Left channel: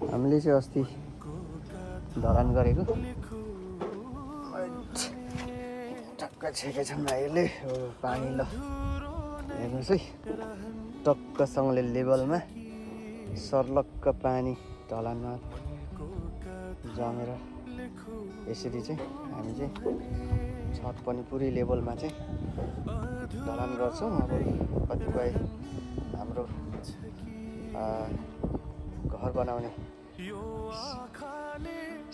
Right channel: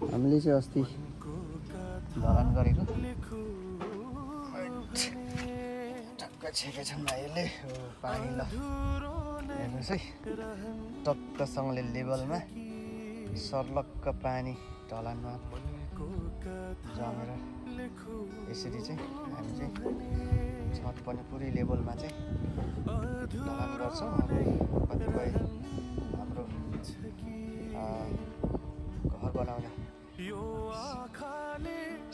हामीले चाहिँ अस्ति ढलान गरेको टक्क छेकै छन् भाइहरूले पानी ल हेर्नुहोस् है टक्कसँगले लेभलमा सर्लक्क पानी ढलानमा जमेर यसरी चाहिँ हामी चाहिँ छत पनि पुरै लेभलमा चाहिँ ढलान गर्छौँ। कतिपय हाम्रो घर बनाउने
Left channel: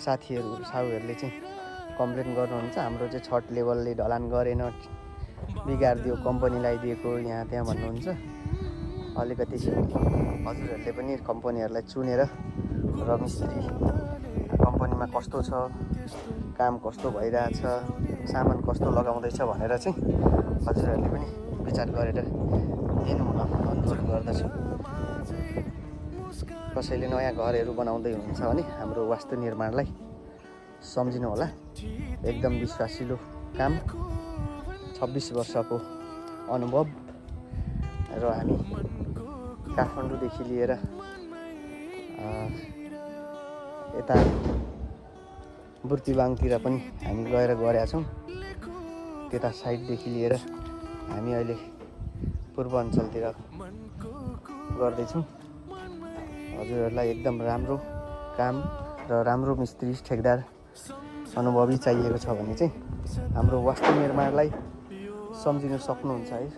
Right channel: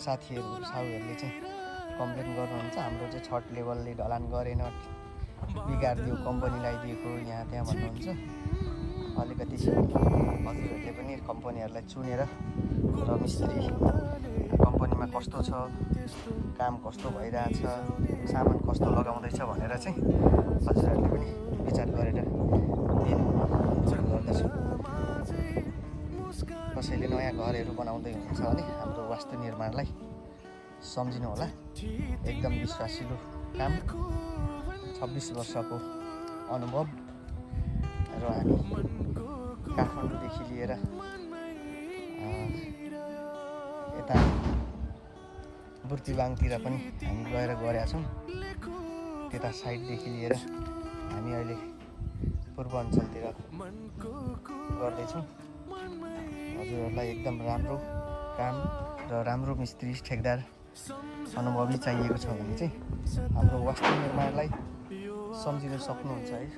साथीहरूले चाहिँ कम्प्लेन गर्नुहुन्छ हाम्रो चाहिँ छत लेभलले ढलान गरेन, बिगारिदियो, कम्पनीलाई दिएको यहाँ त्यहाँ भन्नुहुन्छ। अलिकति हजुरहरूले पनि कम्पनीहरूलाई चुनेर र मिस्त्री कम्पनीमा कस्तो छ, काम कस्तो भइरहेछ, सामान कस्तो लगाउँदैछ भनेर चाहिँ हजुरहरूले पनि विचार गरेर दिनु अनुरोध गर्दछु। कसैले नयाँ घरहरू बनाउँदै हुनुहुन्छ भने हाम्रो वास्तु निर्माणलाई सम्झिनु होला। एकदम विश्वासिलो काम, 26 वर्षको अनुभव र हामी काठमाडौँदेखि लिएर यता बुर्तिवाङतिर पनि हामी गएर गरेका छौँ। त्यता साइडदेखि लिएर हामी अहिले पूर्वाञ्चलतिर गर्दैछौँ। हजुरहरूलाई एकदम राम्रो काम र राम्रो मिस्त्री ठेकदार अनुभवी चाहिएको छ भने चाहिँ हाम्रो वास्तु निर्माणलाई सम्झिन सक्नुहुन्छ है।